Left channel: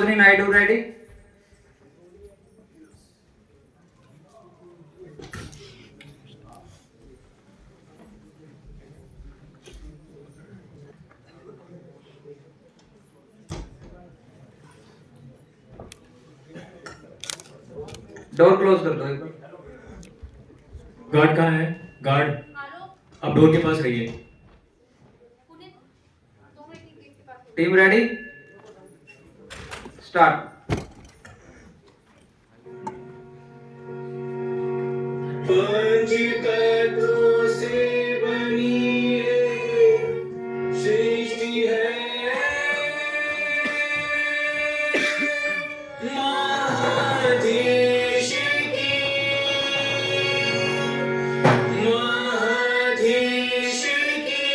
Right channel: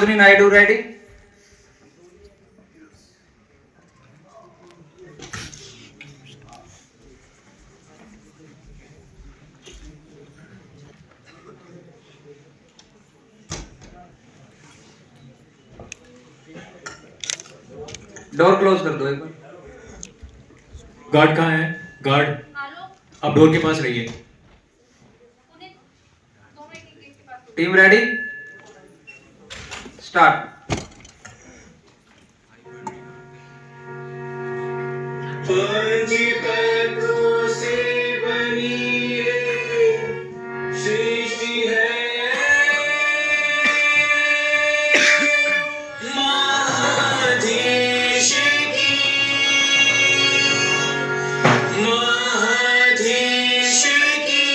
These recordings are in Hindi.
नायडू रेडी? डोर क्लोज कर दो एक बार। गार्ड कहाँ है? गार्ड आप डोर के पास रहिए। Team ready? स्टार्ट। पंच तत्वों से बनी ये सृष्टि है, महाधीश की, महाधीश की,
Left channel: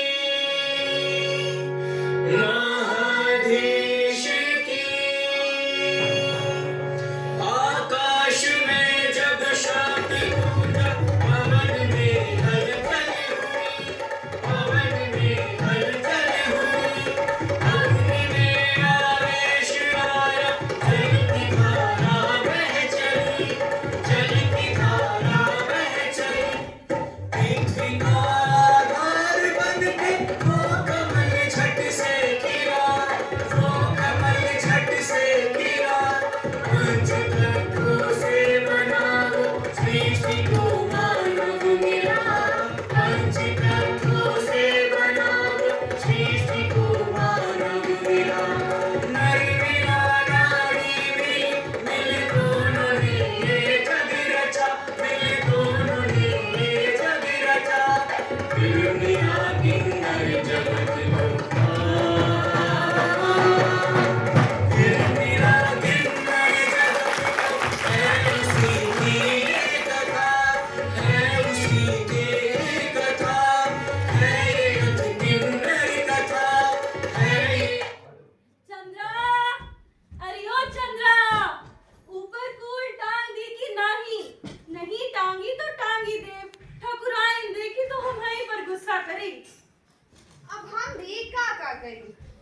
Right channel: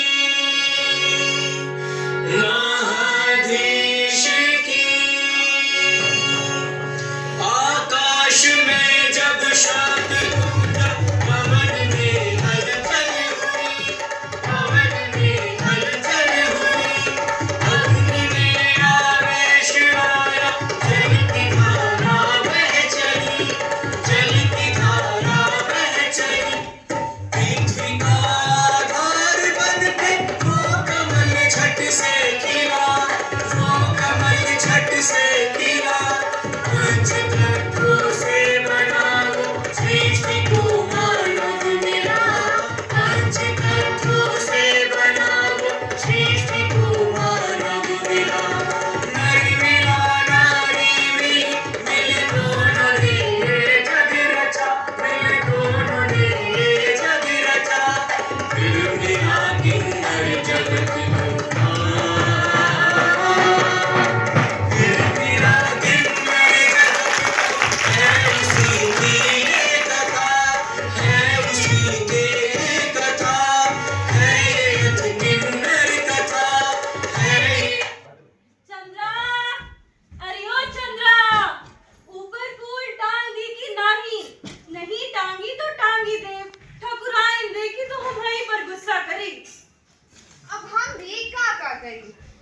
महाधीश की। आकाश में जब शांति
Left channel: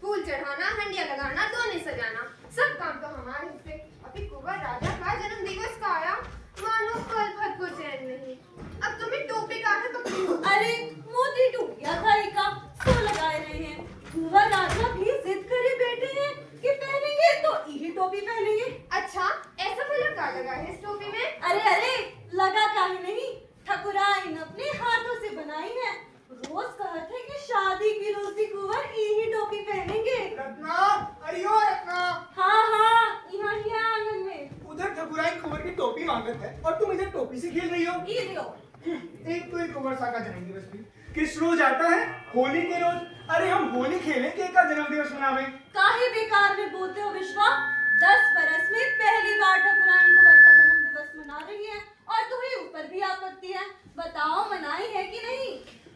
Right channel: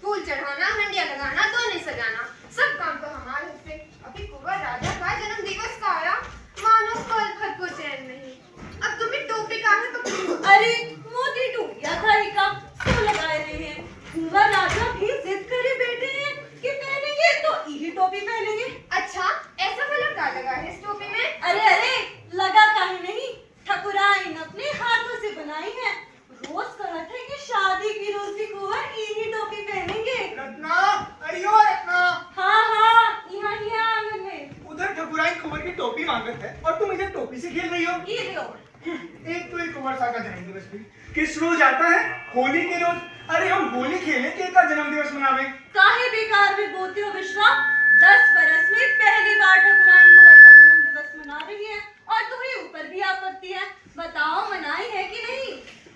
फूल चढ़ाना, हंडिया लगाना, दोने सजाना, सब काम तो हमारे से। अभी कुंवर राजा का जन्म दिवस का आया, मानो पल भर को चैन नहीं। अब तुम्हें टोपी काहे पकड़ी? अरे मोती टोपियां खाई का सब लगाए रहे हैं। कुंवर राजा भी जिद करे बैठे हैं कि पहनेंगे तो यही टोपी पहनेंगे। अच्छा, ऐसा भला क्या लगा है इस टोपी में? अरे लगा काहे नहीं, ठकुराइन अपने हाथों से बनाई है। रोज कहते हैं कि शादी की रोज भी कुंवर यही टोपी पहनेंगे। रत्ना, अरियो रत्ना। हाँ यहाँ ही आंगन में। उधर ठकुराइन कुंवर की टोपी मांगत है और तुम इधर टोपी से खेल रही हो। ये लो। एक तो एक कुंवर सा का जन्मदिवस भी किस रोज आता है? होली के रोज। अरे हम होली खेले के का जन्मदिवस मनावे? काहे बेकार में बोलते हो विश्वा? 10 बरस में पहली बार ठकुराइन कुंवर का जन्मदिवस मना रही है और तुम्हें ऊपर भी आपत्ति है। बताओ मनाई है कि नहीं?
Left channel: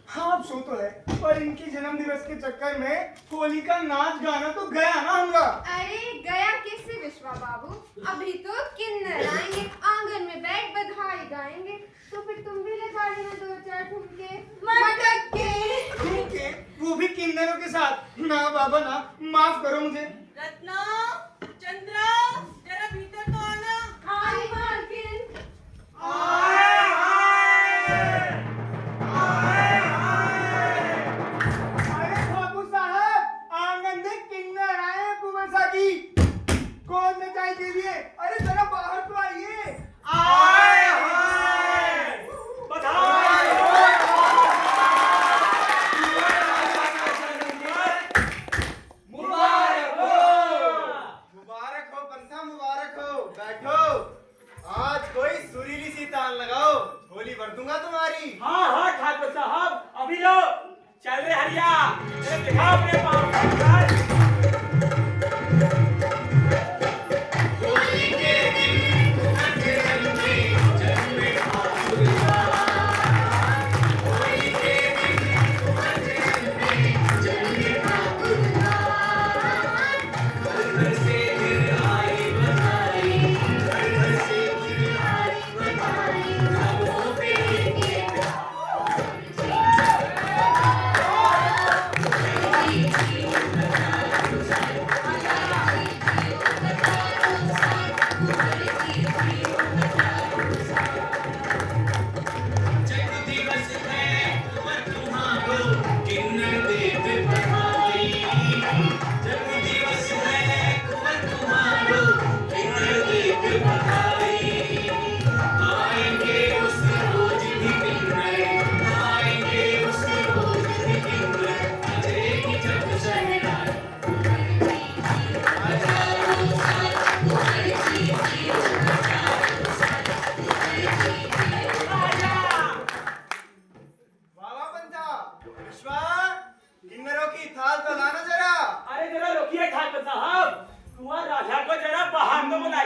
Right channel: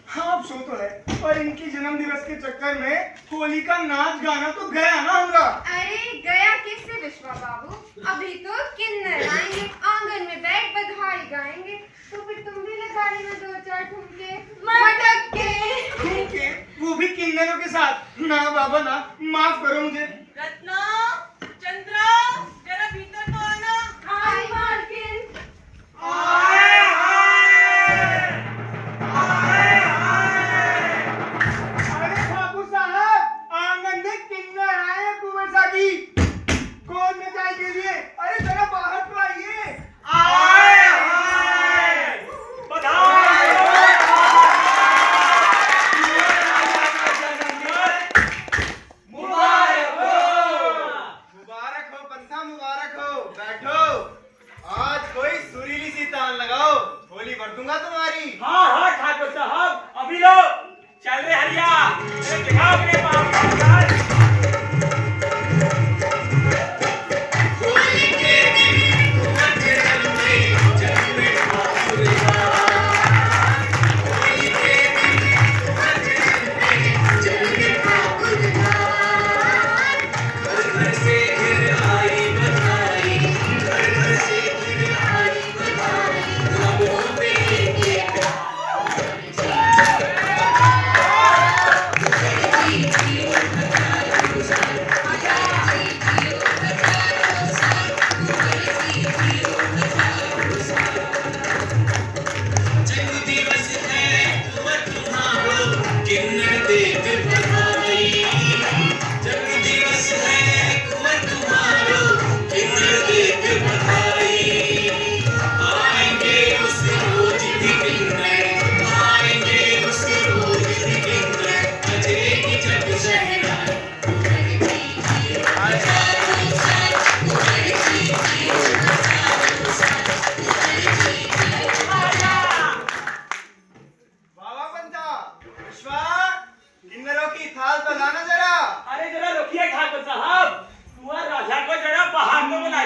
हाँ अब सो तो है, पर इनकी जन्मदिवस के चक्कर में होली का नाच गाना तो गया ना हमरा। अरे गया किससे विश्वा बाबू? अभी तो किन्नर आएंगे, आंगन में बैठ बधाई गाएंगे। तो फिर तुम भी लगा लेना 2-4 ठुमके मटक के। ठुमके? वो भी किन्नरों के साथ? ना बाबा ना, माफ करो मुझे। रत्ना, चंद्रा, जरा भीतर तो आना। हाय मालकिन। अरे ठाकुर साहब, आंगन में किन्नर आए हैं कुंवर सा की। गोद में चाय के लिए। अरे जरा बाहर तो आइए।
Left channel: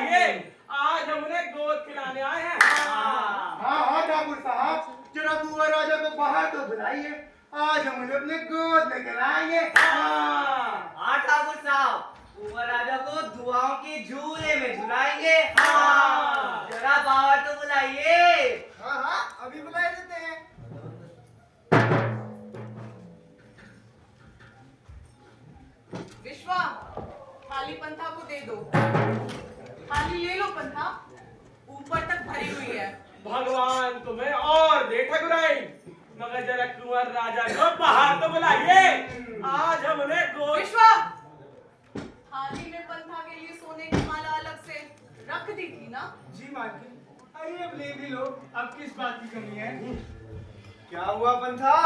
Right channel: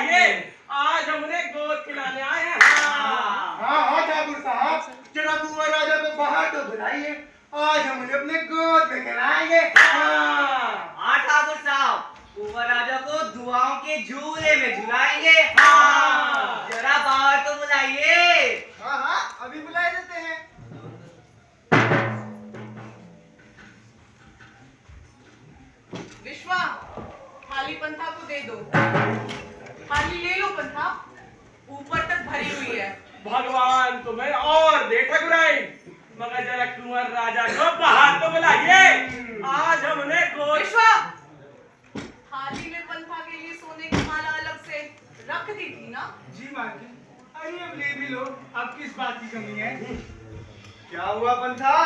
बुलाइए, आज हम उन्हें गोद खिलाने आए हैं। हाँ ठाकुर साहब, जरा कुंवर राजा को बाहर तो बुलाइए, आज हम उन्हें अपने गोद में खिलाएंगे। हाँ ठाकुर साहब, कुंवर राजा को दुआओं के झूले में झुलाएंगे। जरा बाहर तो बुलाइए। हाँ, अभी बुला देते हैं। विश्वा, थाली पंथा को दे दो। थाली ले लो पंथा, ऊपर तक भरी हुई है। भगवान तुम्हें और दे ठकुराई, मगर जरा कुंवर राजा को बाहर तो बुलाइए, आज हम उन्हें गोद। विश्वा, थाली में पंथा के लिए सोने की माला अलग से रख दी थी ना? जी मालकिन, अरे अब ले भी लो, अब किस बात की कमी है? क्या हुआ पंथा?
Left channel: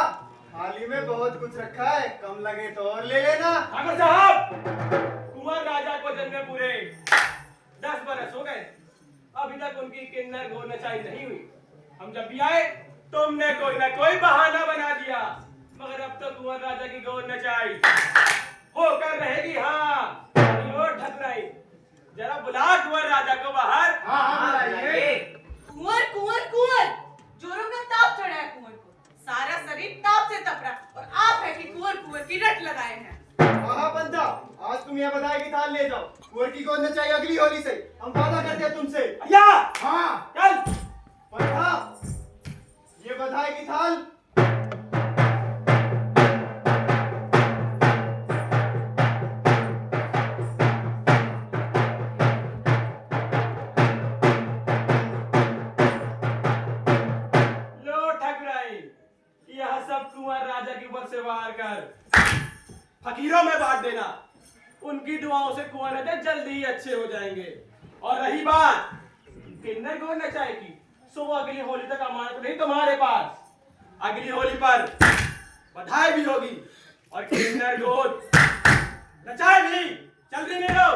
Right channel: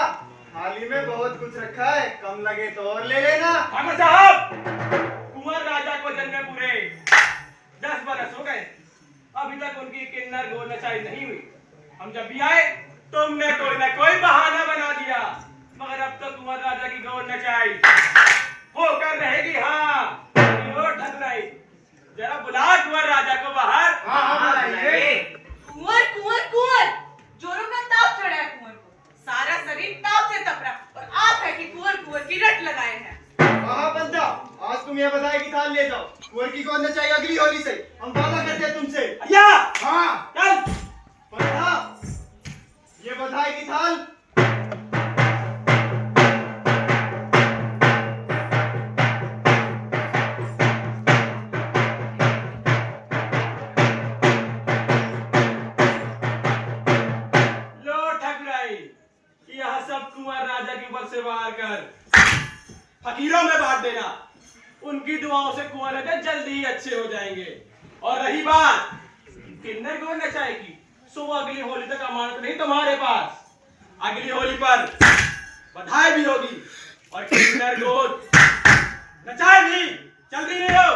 थाली में बहुत कुछ रखा है, कम लगे तो और ले लेना। ठाकुर साहब, कुंवर राजा को जन्मे पूरे 10 बरस हो गए, अभी तक उनकी किन्नर गोद नचाई नहीं हुई। हम जब भी आए तुमने कोई ना कोई बहाना बना दिया, मगर अब तो कुंवर राजा की गोद नचाई होकर रहेगी। हाँ ठकुराई, जरा बुला कुंवर राजा को बाहर। हाँ बुलाइए। कुंवर कुंवर कुंवर, जोरों का ताप चढ़ा है कुंवर को, सारा शरीर ताप से तप रहा, और आप है कि कुंवर कुंवर की रट लगाए हैं। हाँ पंथा, आज तुम यह बधाई की थाल ले जाओ, कुंवर की गोद नचाई अगली होली से, हम वादा करते हैं तुमसे। या हाँ चल। पंथा, ये बधाई की थाल। लो ठकुराई, यह सब कुंवर राजा के ऊपर से वार कर फकीरों में बांट देना, उनकी दुआओं से कुंवर राजा जल्दी ही अच्छे हो जाएंगे। और रही बात किन्नर गोद नचाई की, सो वो अगली होली तक अमानत नहीं तुम्हारे पास, अगली होली पर बधाई भी होगी और किन्नर गोद नचाई भी। जल्दी ले लो।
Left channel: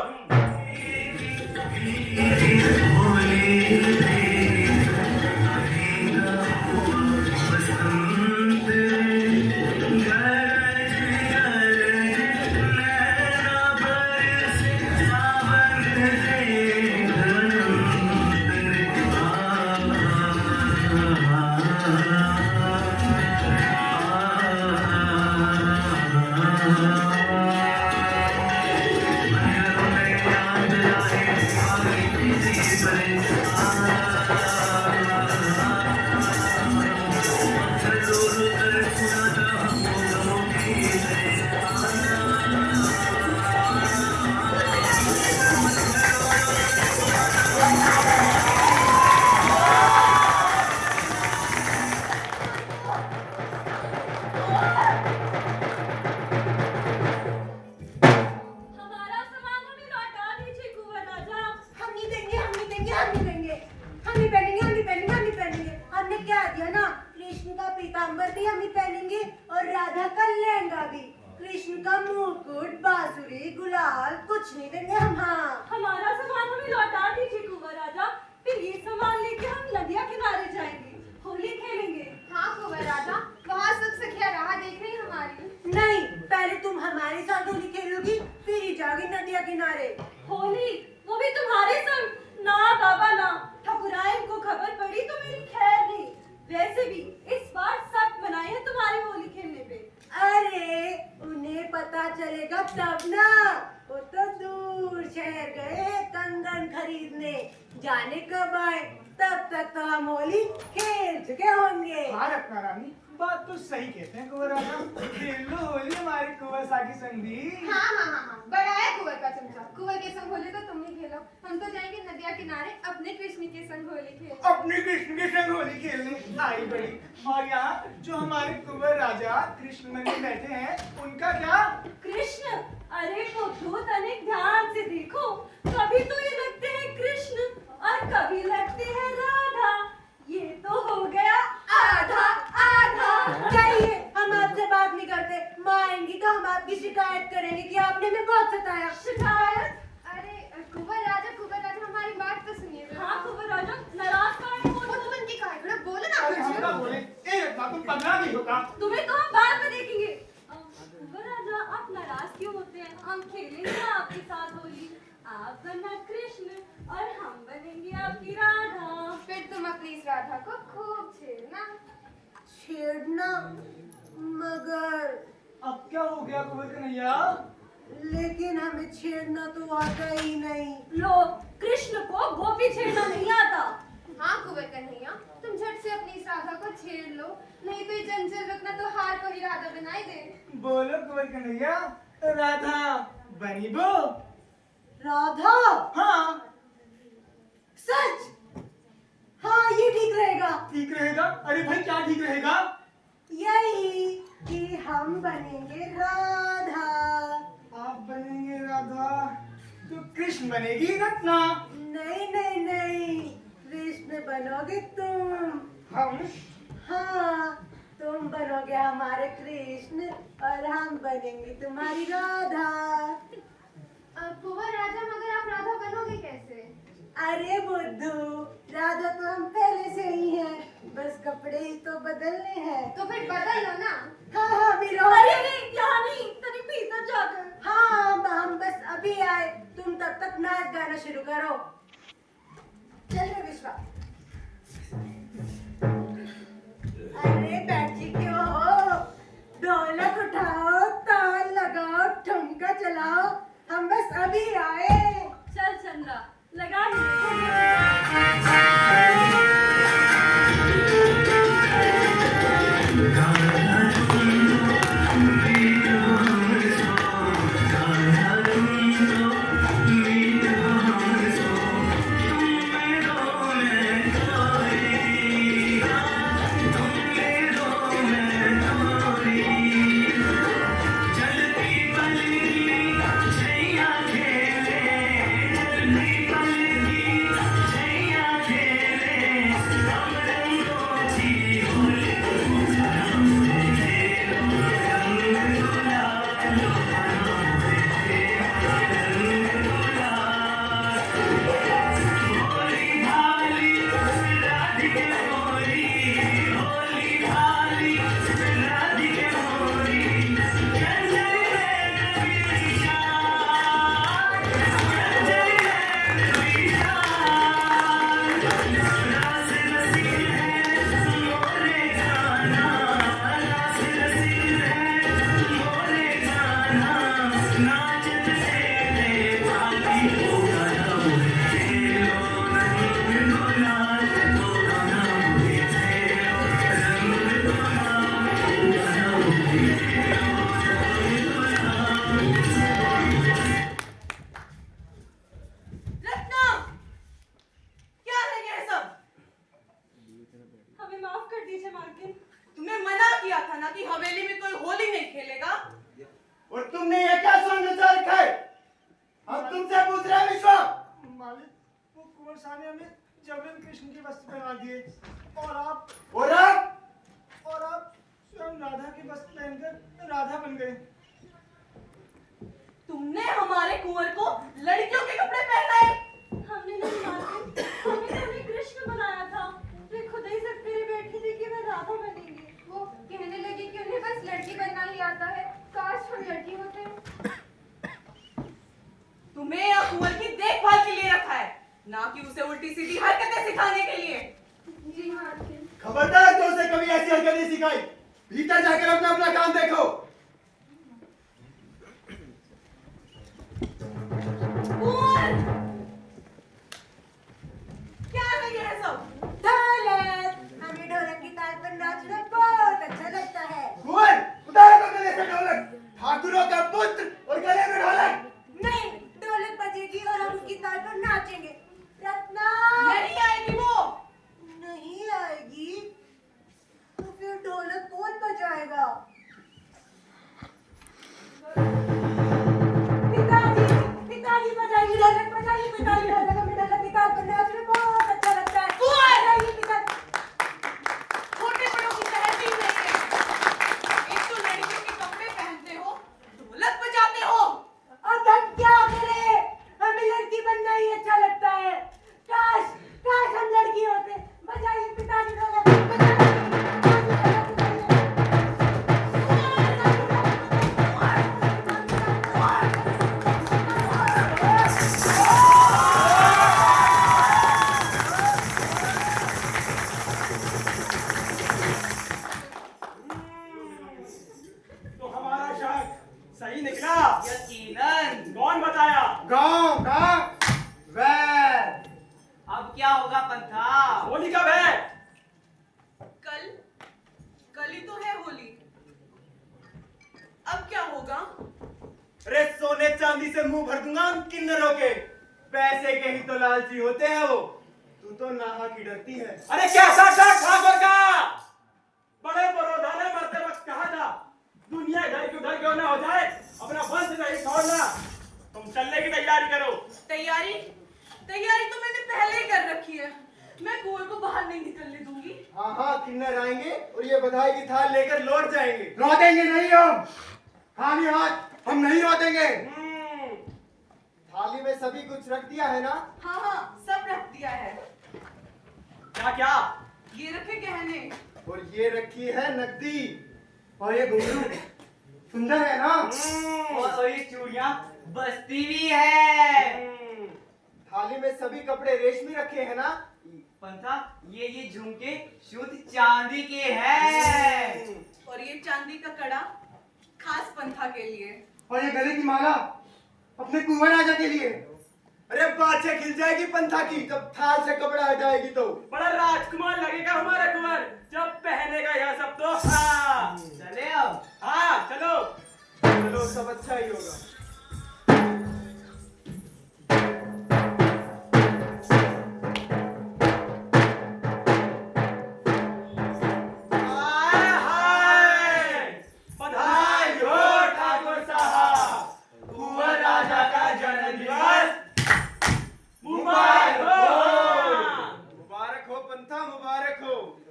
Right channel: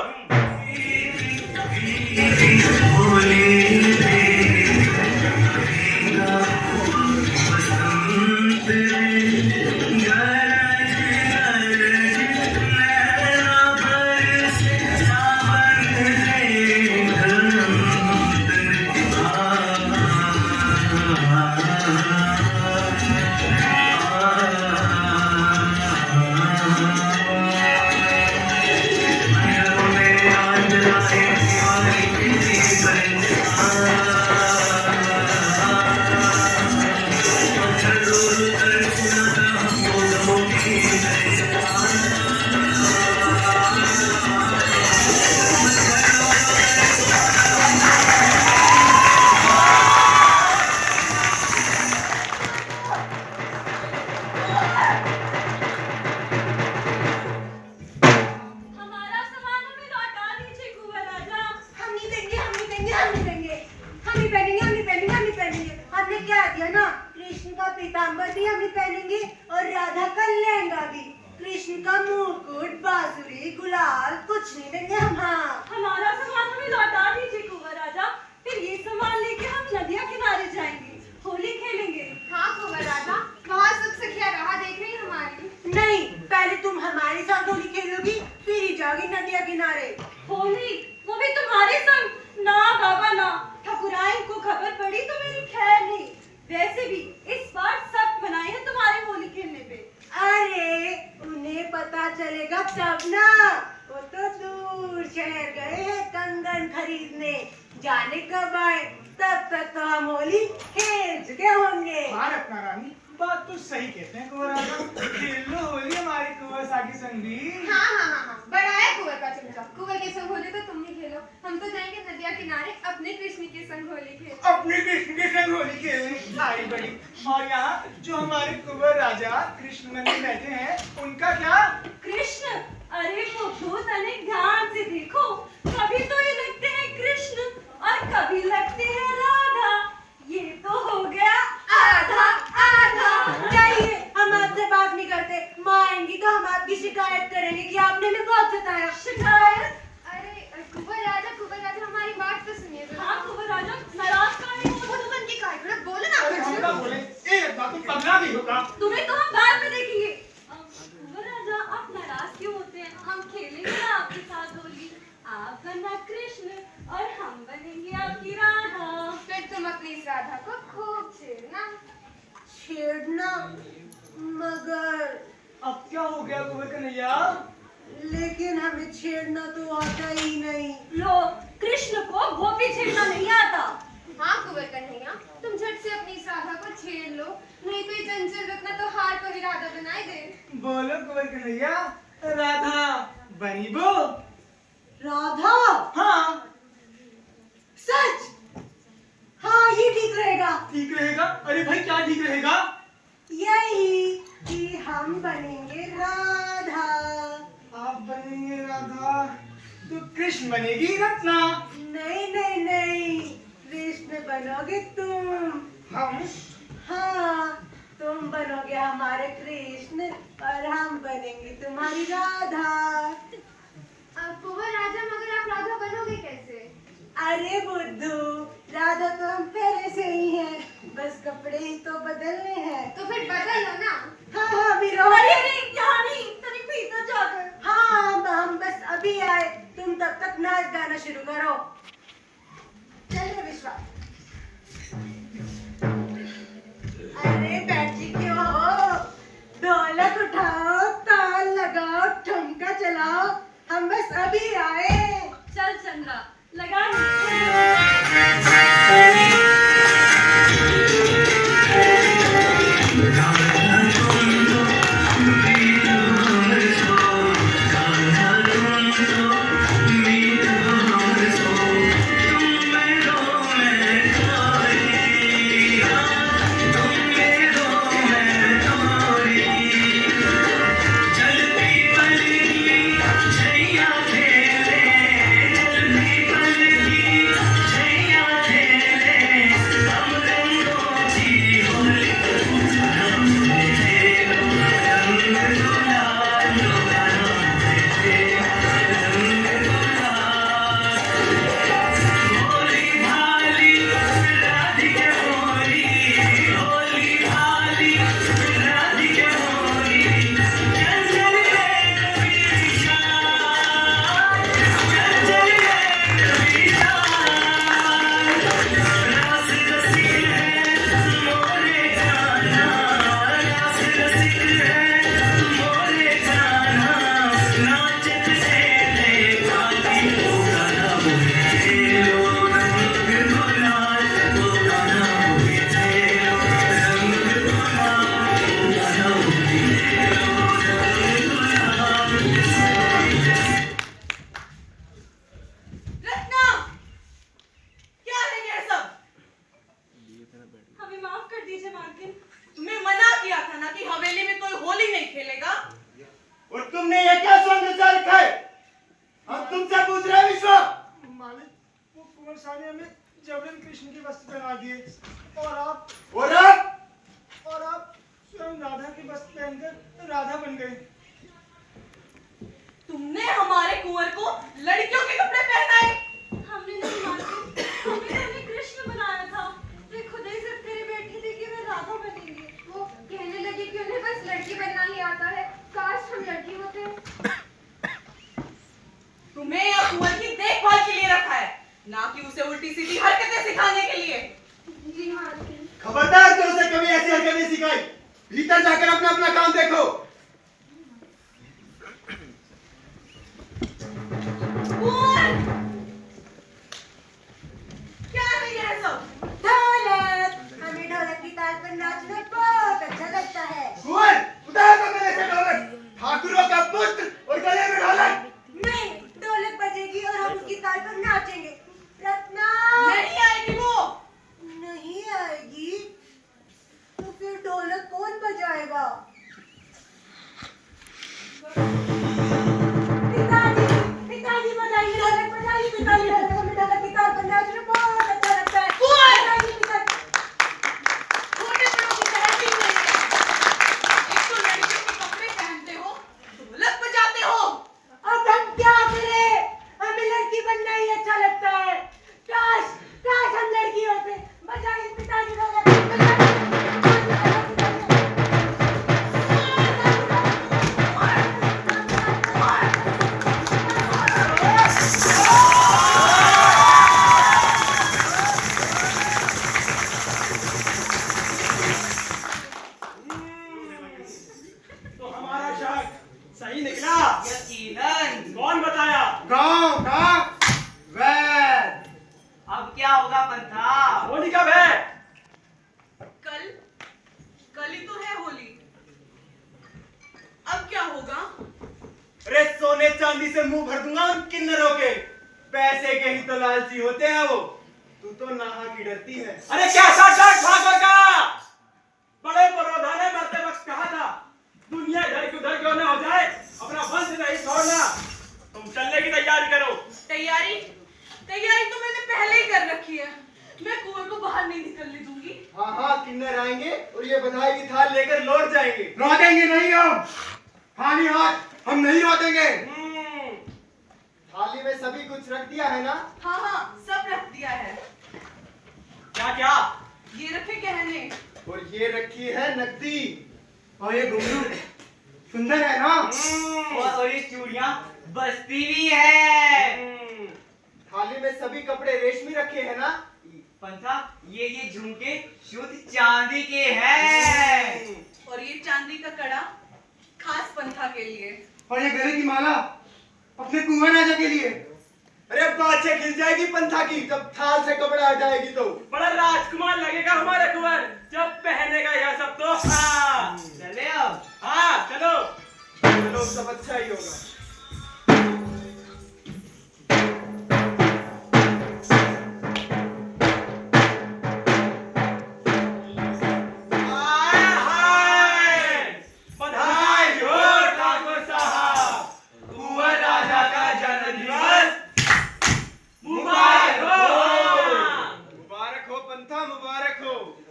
पीताम्बर भी हम ही पहनेंगे और राधा का लहंगा भी। कृष्ण का मुकुट, बांसुरी, गुलाल कुछ नहीं देंगे हम। हाँ, हमारा सामान हमें लौटा दीजिए कुंवर राजा, फिर ये सामान लेके हम नदिया किनारे जाएंगे, होली खेलेंगे। हाँ कुंवर राजा, वहाँ सब सखिया राह देख रही हमारी। नहीं, पहले तुम हमारे साथ होली खेलोगी, फिर ही जाओगी नदिया किनारे। होली वो भी तुम्हारे संग? ना बाबा ना, ठकुराइन को खबर पड़ी तो मेरी खैर नहीं। वैसे भी इस बार सब मनाए हैं तुम्हारे होली खेलने पे। अरे उन्हें पता चलेगा तब ना, वो तो दूर शहर गए हैं कंगन खरीदने, जाने कब आए, तब तक तो हम होली खेल चुके होंगे। हाँ रत्ना रानी, बात तो सही कहते हैं कुंवर राजा, खेल लो होली हमारी कुंवर साकी संगी। हाँ हाँ हाँ हाँ, बढ़ाया कुंवर का चमचा। कुंवर के संग होली तो तुम ही खेलो, हम तो जाएंगे नदिया किनारे अपने कृष्ण के संग होली खेल। अपने कृष्ण के संग होली खेलने आई बड़ी। और यहाँ जो हमारे कुंवर राजा कृष्ण नंदन बैठे हैं, उनका क्या? कृष्ण? अरे मुखूत अनेक ध्यान से देखो, कभी तो ये लगते हैं कृष्ण और कभी लगते हैं राधा। ये तो हो गया आधा आधा। जाइए, हम आपसे बात नहीं करते, माँ आएंगी तो हम आपकी शिकायत करेंगे कि आपने हमें बहुत सताया। शिकायत? अरे कुंवर राजा हमारी बात तो सुनिए। हाँ कुंवर राजा, नाराज काहे हो? खुद बन के काहे बोलो ना हम क्या बोले? एक बात तुम पगला नहीं होगा। तुम्हें तो हम बाद में देखेंगे। कुंवर राजा, आप नाराज क्यों होते हैं? हम खेलेंगे ना आपके साथ होली, राधा को खूब छेड़ना। छेड़ना? मगर अब क्या हो गया कुंवर कन्हैया? लेकिन हमें छेड़ना तो आता ही नहीं। लो, कृष्ण को गोपी छेड़ना नहीं आता। हाँ कुंवर कन्हैया, तुम झट से अपनी इस राधा को छेड़ लो, नहीं तो ये चंचल रत्ना तो हार को ही राधा बनाई दे। बोलो कुंवर कन्हैया, राधा बनी बो? राधा? हाँ। सच? हाँ, ये ठीक रहेगा। ठीक रहेगा? अरे भाई क्या ठीक रहेगा? यही कि हम बनेंगे राधा। आप बनेंगे राधा तो कृष्ण बनेगी रत्ना। नहीं नहीं नहीं, कृष्ण बनोगे तुम। हम? हाँ, तुम बनोगे हमारे कृष्ण और हम बनेंगे तुम्हारी राधा। कुंवर राजा, मगर आप राधा बनोगे कैसे? अरे बुद्धू, राधा तो हम पहले से ही हैं, बस कपड़े ही तो बदलने हैं। तो फिर बदल लो ना। हाँ हाँ वीरो। अरे अरे, यहाँ नहीं, तनी भीतर जाकर। हाँ, हम बस अभी आए, तुम तब तक नाच गाना शुरू करो। चल रे विश्वास। अरे बैठी क्यों हो? ढोलक उठाओ, ताल लगाओ, ठुमका चलाओ, हम बस अभी आए। चल चंद्रा, लगा तुमने हमारे कुंवर को लड़कियों के कपड़े पहनाए। हमने नहीं मालूम, हमने कृष्ण बनाया था। ये खुद ही सब तेरे बैठी थी कि मैं राधा बनेंगी। वो कहने लगी कि उन्हें बस लड़की बनना ही आता है, काश हम लड़की होते। तुम्हें या कुंवर की देखभाल के लिए रखा है, ना कि उसे उल्टी सीधी हरकतें सिखाने के लिए। जी हाँ। खबरदार, तो उसे कभी ऐसी हरकतें सिखाई। भीतर जाकर अपना अपना काम देखो। कुंवर, क्या है ये सब? ढोलक, हमें ढोलक की ताल पर नाचना बहुत अच्छा लगता है। कुंवर, उतारो गले से ढोलक। ठाकुरों का पुत्र और गले में ढोलक। नहीं, ढोलक बजेगी और हम उसकी ताल पर नाचेंगे। रत्ना नहीं आएगी वो। नहीं आएगी तो फिर ढोलक कौन बजाएगा? पिताजी, पिताजी बजाइए ढोलक, बजाइए पिताजी ढोलक। हमें ढोलक की ताल पर नाचना बहुत अच्छा लगता है। बजाइए पिताजी। छोटे बड़ों की तहसील लेते हैं। एक तो लड़के के कपड़े पहनते हो, ढोलक बजाते हो। अब हम क्या करें? हमें लड़की बनना ही अच्छा लगता है। काश काश हम लड़की होते। बजाइए पिताजी ढोलक, बजाइए। सोने चांदी से मुंह भर दूंगा उन किन्नरों के। पैसे के ही तो लालची होते हैं वो। तू तो नाहा की डरती है। अरे कैसा डर ठाकुर का? बड़े बड़ौदा ने मरते वक्त कहा था दुनिया इधर की उधर क्यों ना हो जाए, अपना वंश नहीं छोड़ना। तुम चलने की तैयारी करो। तैयारी तैयारी तो मैंने पहले ही कर रखी है। मैं कुंवर को बाहर नहीं निकलने दूंगी। हाँ हाँ, किन्नर आएंगे और ये बधाई की थाल लेकर लौट जाएंगे। लौटेंगे नहीं हम, खाली हाथ हम नहीं लौटेंगे। थाली में सभी कुछ रख दिया है ना? हाँ हाँ, सब रख दिया है। क्या क्या? ये रखे गहने और ये रखी है नकदी। और ये घुंघरू सुंदर है ना? और ये चूड़ियां बस्ती भी है। थाली में सभी कपड़े रेशमी रखे हैं ना? पंथा, ये झुमके शुद्ध चांदी के हैं। और ये चांदी का कड़ा खास पंथा के लिए। और ये गले की माला अपने कुंवर राजा के लिए। अरे बाछे खिल जाएगी पंथा की जब थाल से कपड़ा हटाएगी तो। बड़ा राजकुमार लगेगा हमारा कुंवर जब पहनेगा यह सब तो। हाँ चले अब। हाँ चलो चलो, सब अच्छा ही होगा।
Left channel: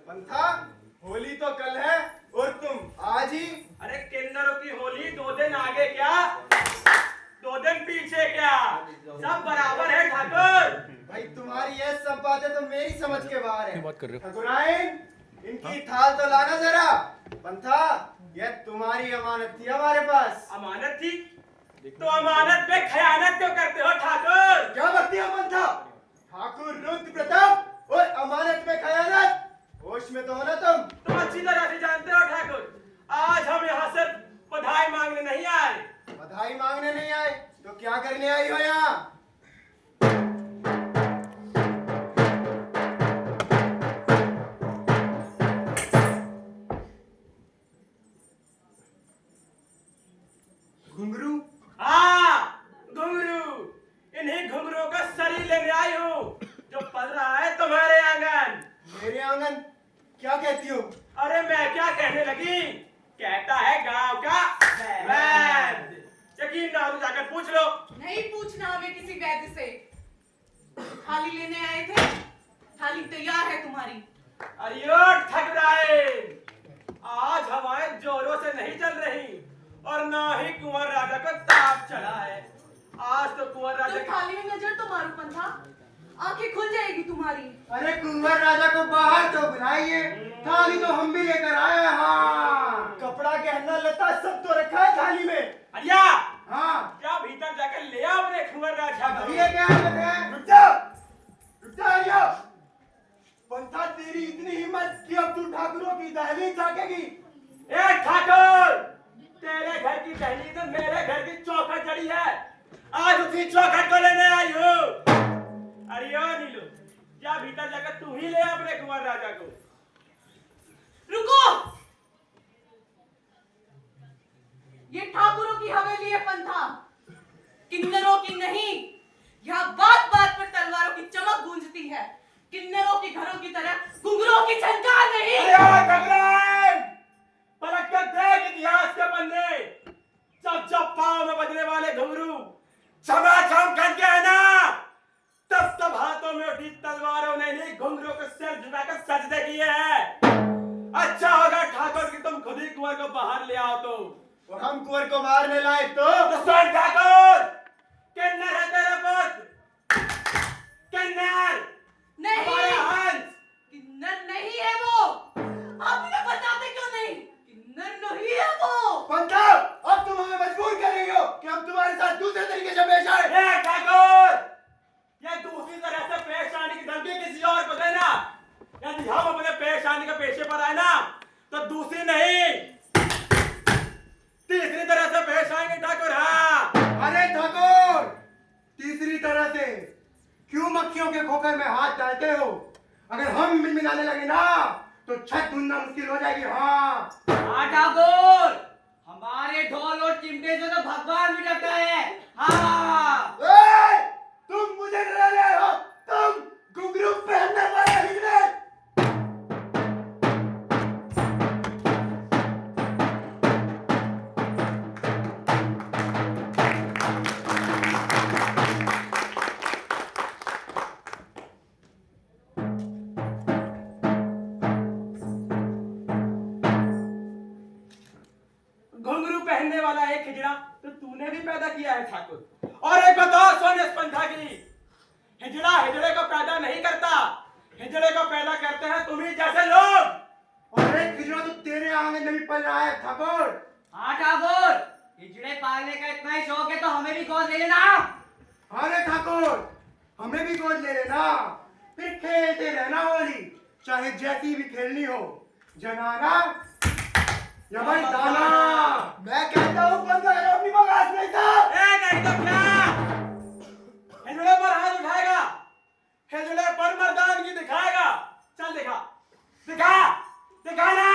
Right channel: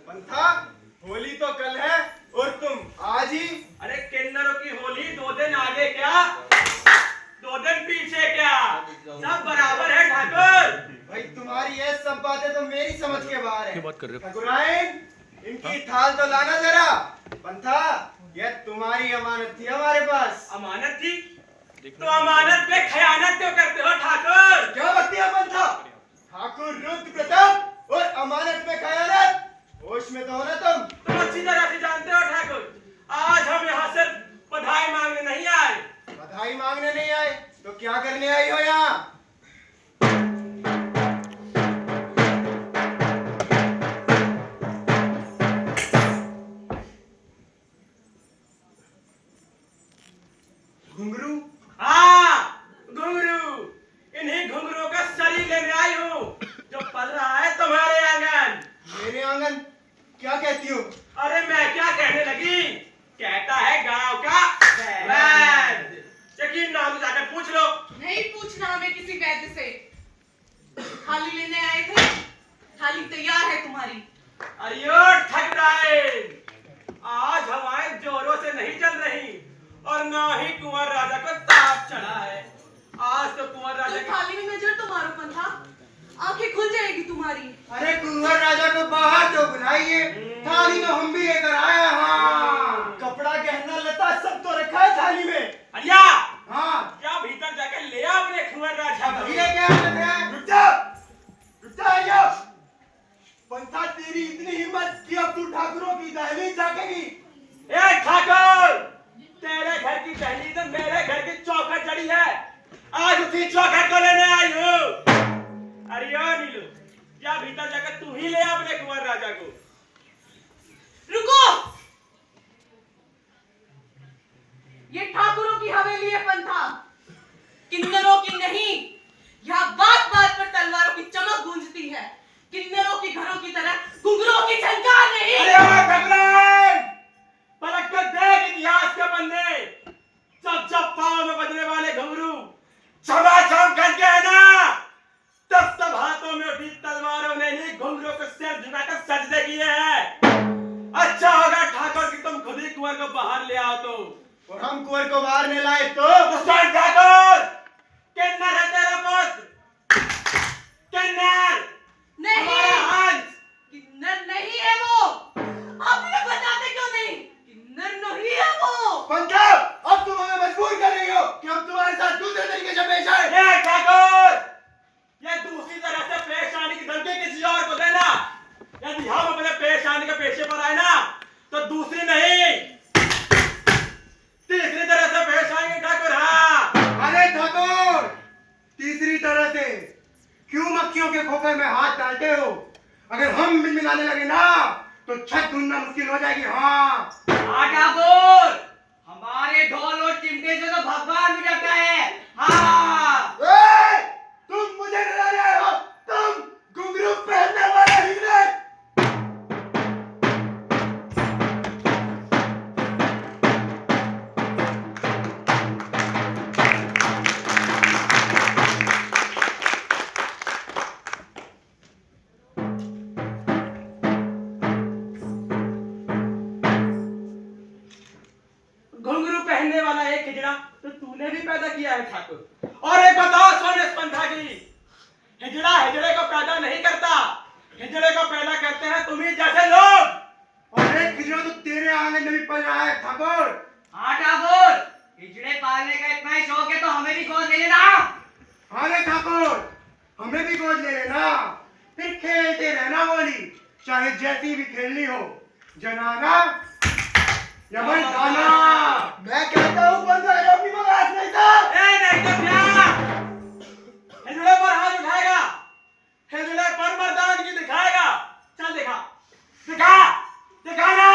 पंथा, होली तो कल है और तुम आज ही। अरे किन्नरों की होली 2 दिन आगे क्या 2 दिन पीछे क्या, सब बराबर है ठाकुर। भाई तुम्हारी ये सब बातें तो मेरी समझ के बाहर है। क्या बात कर रहे हो? ठाकुराइन, इनकी थाल तो लाना जरा। पंथा, यह तुम्हारी अमानत थी हमारे पास। अमानत थी तो अमानत पे खयानत क्यों करते हो ठाकुर? क्या बकती है पंथा? ठाकुर रुद्र प्रताप और अमानत में खयानत, होश में तो हो ना तुम अच्छी तरह से जानते हो ठाकुर। आज हम यहाँ से बधाई मांगने नहीं आए। बधाई मांगने नहीं आए तो क्या करने आई हो यहाँ? घुंघरू? हाँ घुंघरू, इन्हीं घुंघरू का शरीर लेने आई हूँ जो पल रहा है तुम्हारे आंगन। मेरे आंगन? क्या कहती हो? अरे मैं क्या कहने लगी, कहता है गांव का वैद्य। यकीन ना हो तो जाकर पूछ लो। नहीं पूछना हमें किसी वैद्य से। थाली लेने आए थे, थाली तैयार है तुम्हारी। अरियो ठगराइन, आज हवाएं जोरों से नहीं चल रही और ना ही कुंवर राजा को ताप चढ़ा है। आज तो कुंवर राजा तुम थाली में नजर तो मारो पंथा, आंखें खुल जाएगी तुम्हारी। अरे कुंवर राजा को बाहर तो बुलाइए, थाली तो हम भी लेकर आए। हाँ, कपड़ा गहना लता सब तो रखा है थाली में। अरिया, हाँ, क्या भीतर जाकर ले आओ अपने कुंवर राजा को। ये क्या है? रुक जा, रुक जा आर्या। पंथा, तेरी इतनी हिम्मत कि अब तू ठाकुरों की दहलीज झाकेगी? ए ठाकुर, तेरे घर की दहलीज में मेरे घर की चौखट जड़ी है। आज उसी चौखट को लेने आई हूँ। अरिया नीलू, या भीतर जाकर तू ही ले आ अपने कुंवर राजा को। रुको, ये ठाकुरों की हवेली है पंथा, किन्नरों की नहीं। यहाँ बात बात पर तलवारों की चमक गूंजती है। किन्नरों की घरों की तरह घुंघरों की झनकार नहीं। अरे ओए ठगराइन, पलट कर देख इतिहास के पन्ने। जब जब पाँव में बजने वाले घुंघरू छमाछम खनके है ना, तब तब हाथों में उठी तलवारों ने नहीं घुंघरू को सिर झुकाकर सजदे किए हैं। अच्छा होगा ठाकुर कि तुम खुद ही कुंवर को बाहर ले आओ तो। और हम कुंवर को बाहर नहीं लाए तो? सुन ठाकुर, किन्नर है तेरा पुत्र, किन्नर नहीं, हमारा हंस। किन्नर नहीं है वो। आप ये बताते क्यों नहीं? किन्नर नहीं है वो। पंथा, अब तुम हमें मजबूर कर रही हो कि हम तुम्हारे साथ दूसरे तरीके से पेश आए। ए ठाकुर, ये दूसरी तरह से पेश आने की धमकी किसी और को देना। यदि हम अपने पेश आने के पेशे पर आए ना तो दूसरी नहीं तीसरी तरह से पेश आएंगे ठाकुर। हाँ, अरे ठाकुर, तीसरी तरह से क्यों मक्खियों के खोखे में हाथ डालते हो? अगर हम मिलाने लगे ना तो छत ढूंढना मुश्किल हो जाएगी। हाँ हाँ ठाकुर, हम हमारे ढोल और चिमटे से तो भगवान भी डरता है। हाँ ए, तुम मुझे डरा रहे हो, तुम घुंघरू पहनने वाले हिजड़े। घुंघरू पहनने वाला एक हिजड़ा तो तूने भी पैदा किया है ठाकुर। और एक बताओ सोने पंथा की, हिजड़ा हिजड़े को पैदा नहीं करता, हिजड़े को पैदा करते हैं तुम्ही जैसे लोग। और एक हिजड़ा तो तेरे आंगन में भी पल रहा है ठाकुर। हाँ ठाकुर, हिजड़े पालने का इतना ही शौक है तो हमें भी गोद ले लेना। हाँ रे ठाकुर, हमें भी गोद ले लेना, फिर खेलते रहना होली, चाहे जैसी भी खेलनी हो, जनाना या मर्दाना। मैं कहता हूँ पंथा ये अपनी बगास नहीं कर। ए नहीं तो क्या, हिजड़े पर हाथ उठाएगा, हिजड़े पर मर्दानगी दिखाएगा। चल दिखा, दिखा, दिखा ना।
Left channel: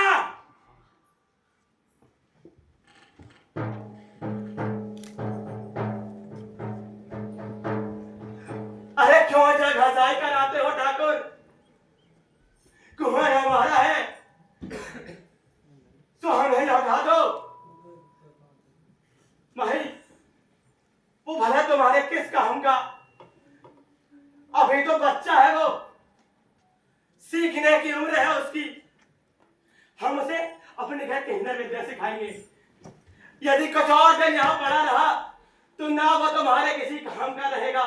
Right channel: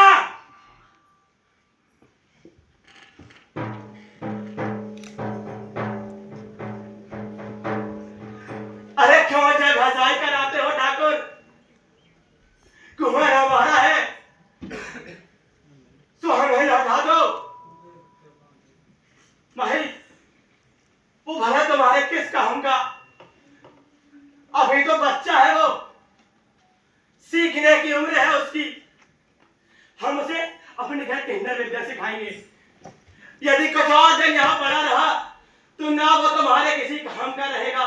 अरे क्यों जगहजाई कराते हो ठाकुर? कुएं हमारा है, तो हमें लौटा दो। भाई वो भले तुम्हारे किस काम का, अभी तो बच्चा है वो, सीखने की उम्र है उसकी। हम उसे अपने घर के अंदर विद्या सिखाएंगे। यदि कुछ और दिन यहाँ पड़ा रहा तो ना वो तुम्हारे किसी काम का रहेगा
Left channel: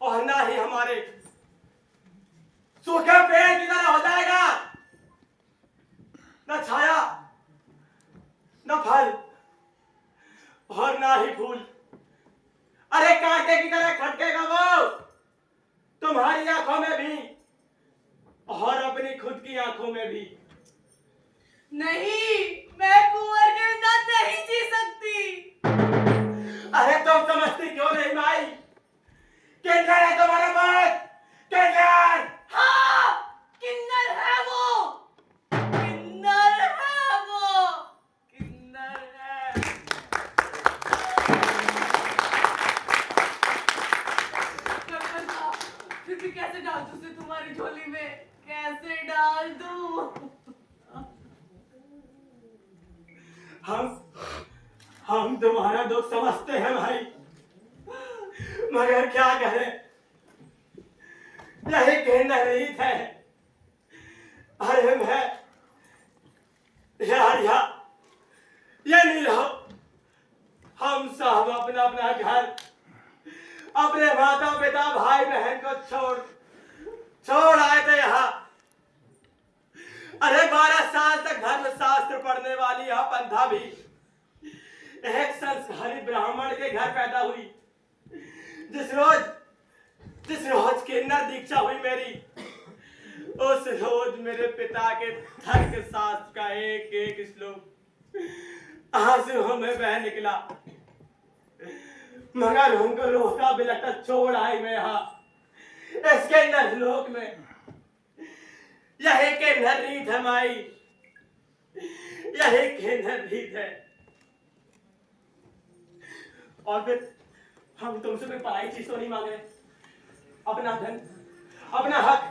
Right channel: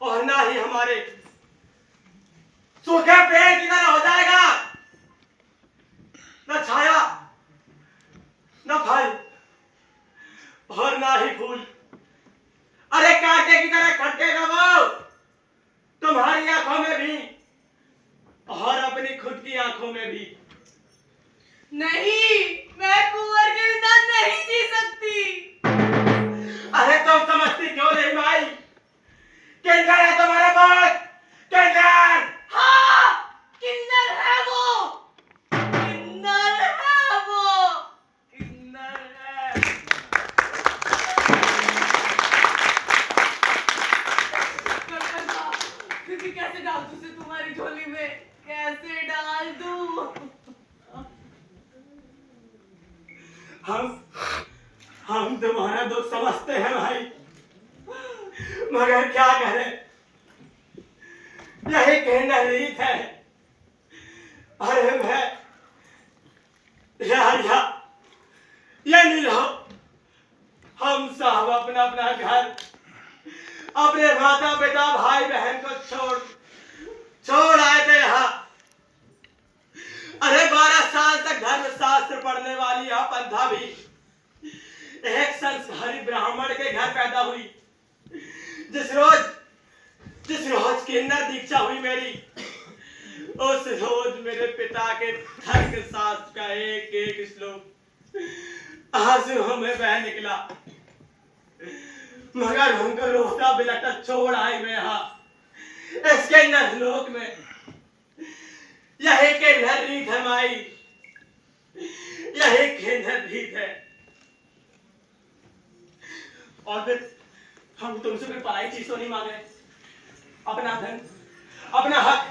और ना ही हमारे, सूखे पेड़ की तरह हो जाएगा, न छाया न फल और ना ही फूल। अरे कांटे की तरह खटकेगा वो तुम्हारी आंखों में भी और अपनी खुद की आंखों में भी। नहीं, मैं कुंवर के बिना नहीं जी सकती। अरे तुम समझती क्यों नहीं माई? किन्नर है तुम्हारे पास, किन्नर। हाँ, किन्नर है वो, किन्नर है वो, किन्नर है। करपंथा, फिर भी कैसे डाल दूं उसे तुम्हारी झोली में? कैसे डाल दूं? हम तुम्हारा दुख समझते हैं भाई, मगर क्या करें, यही कहना रीत है। अरे मैं यार ये नहीं लो, हम सब अपना अपना घर, अपने माता पिता भाई बहन को छोड़ आए थे यहाँ। अरे 12 साल तक धर्म शास्त्र पढ़ने वाली यह पंथा भी एक संस्कारी ब्राह्मण के घर पैदा हुई। जिस रोज किन्नर दीक्षा हुई मेरी, उस रोज मेरे पिता के धर्म शास्त्र का एक एक श्लोक आंसुओं में बह निकला, मगर उनको रोता बिलटा छोड़ आई मैं यहाँ इसके नरलोक में। यही के रीत है माई, यही के रीत है। और फिर हम तुमसे कोई पराई चीज तो नहीं मांग रहे, अपना धन, अपना हक,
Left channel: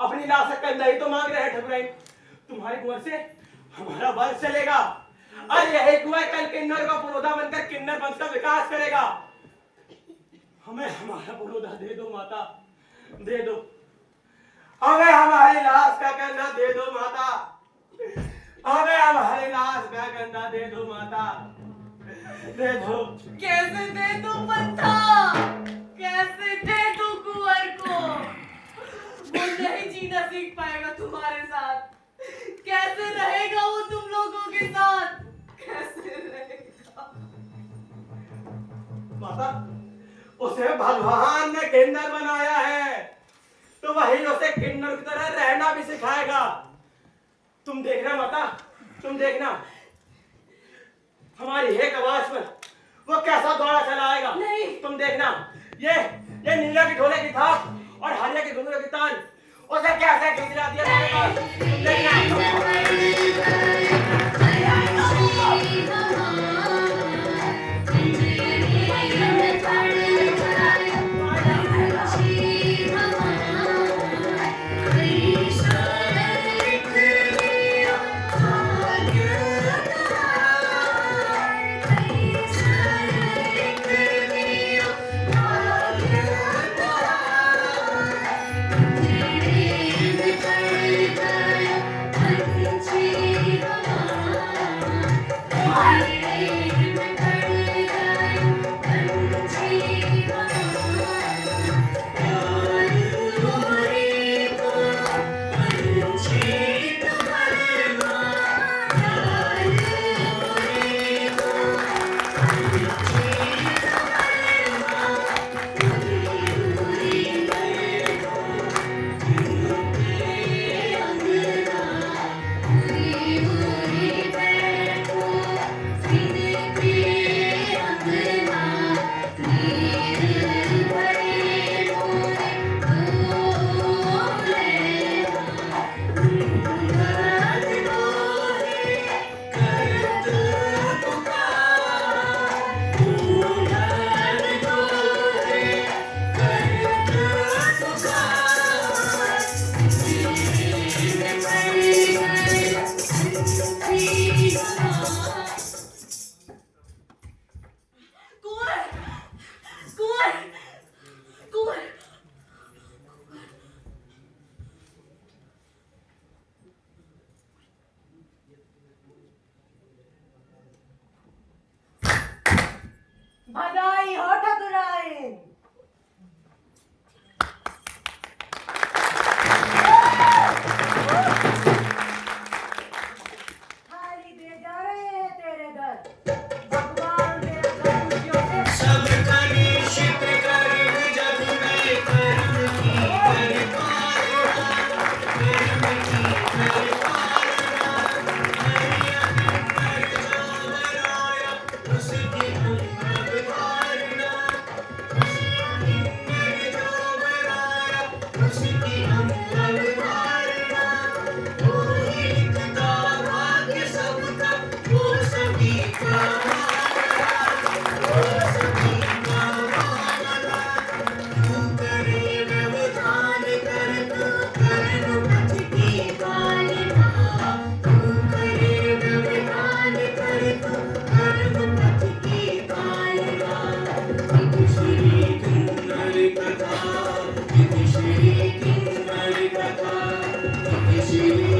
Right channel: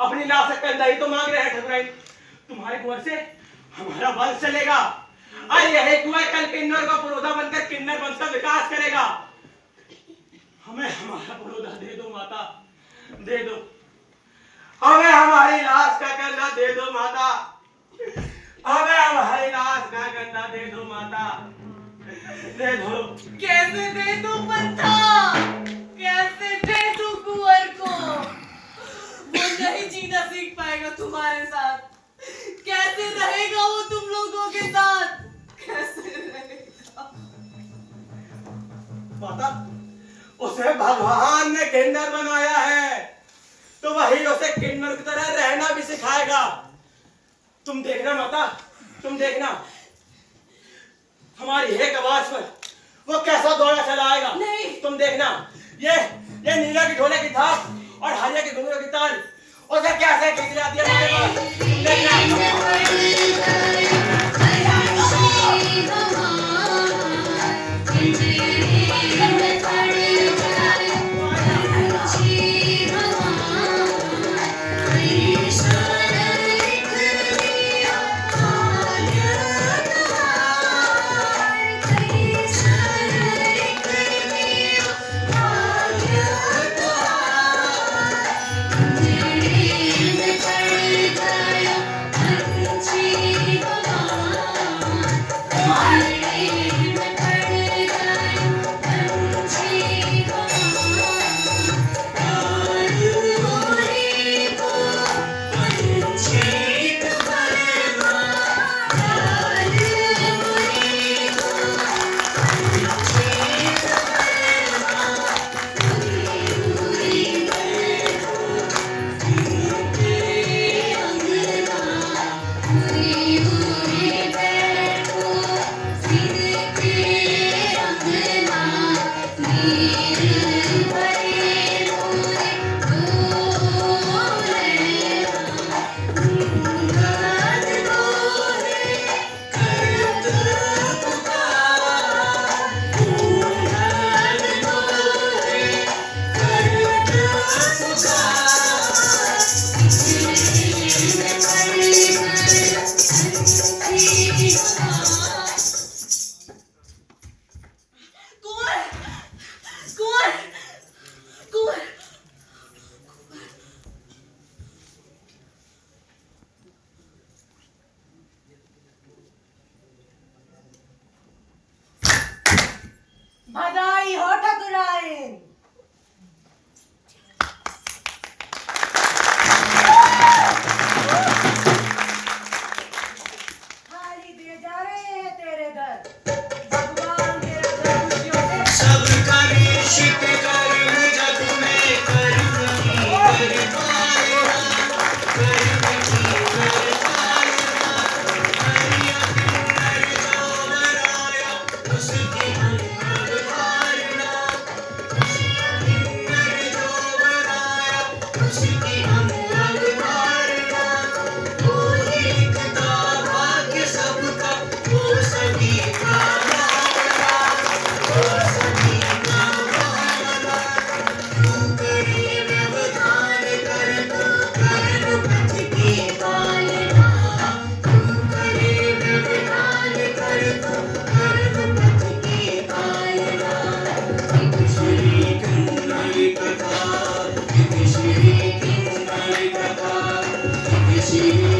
अपनी लाशक नहीं तो मांग रहे हैं ठकुराइन। तुम्हारे कुंवर से हमारा वंश चलेगा और यही कुंवर कल किन्नर का पुरोधा बनकर किन्नर वंश का विकास करेगा। हमें हमारा पुरोधा दे दो माता, दे दो, हमें हमारी लाश का कंधा दे दो माता, हमें हमारी लाश का कंधा दे दो माता, दे दो। कैसे दे दूं पंथा, कैसे दे दूं कुंवर को? वो नहीं जीना सीख पाएगा तुम्हारे साथ, कैसे रहेगा वो तुम लोगों के साथ, कैसे रहेगा? माता, उसे भगवान ने किन्नर बनाया है तो वही उसे किन्नर की तरह रहना भी सिखाएगा। तुम देखना माता, तुम देखना, हमारी एक आवाज पर वो कैसा दौड़ा चला आएगा। नहीं। तुम देखना, ये नीला की ढोले की थाप और हरिया के घुंघरू की ताल उसे कैसे खींच लाती है हमारे पास। तुम देखना। उसकी हम अवतारणा। वो ही लिखता भाग्य सबका, वो सभी का वो सभी का पालना। क्यों करे व्यवधान करता कर्म पथ की पालना। क्यों करे व्यवधान करता कर्म पथ की पालना। इति श्री किन्नरी कथा, इति श्री किन्नरी कथा, इति श्री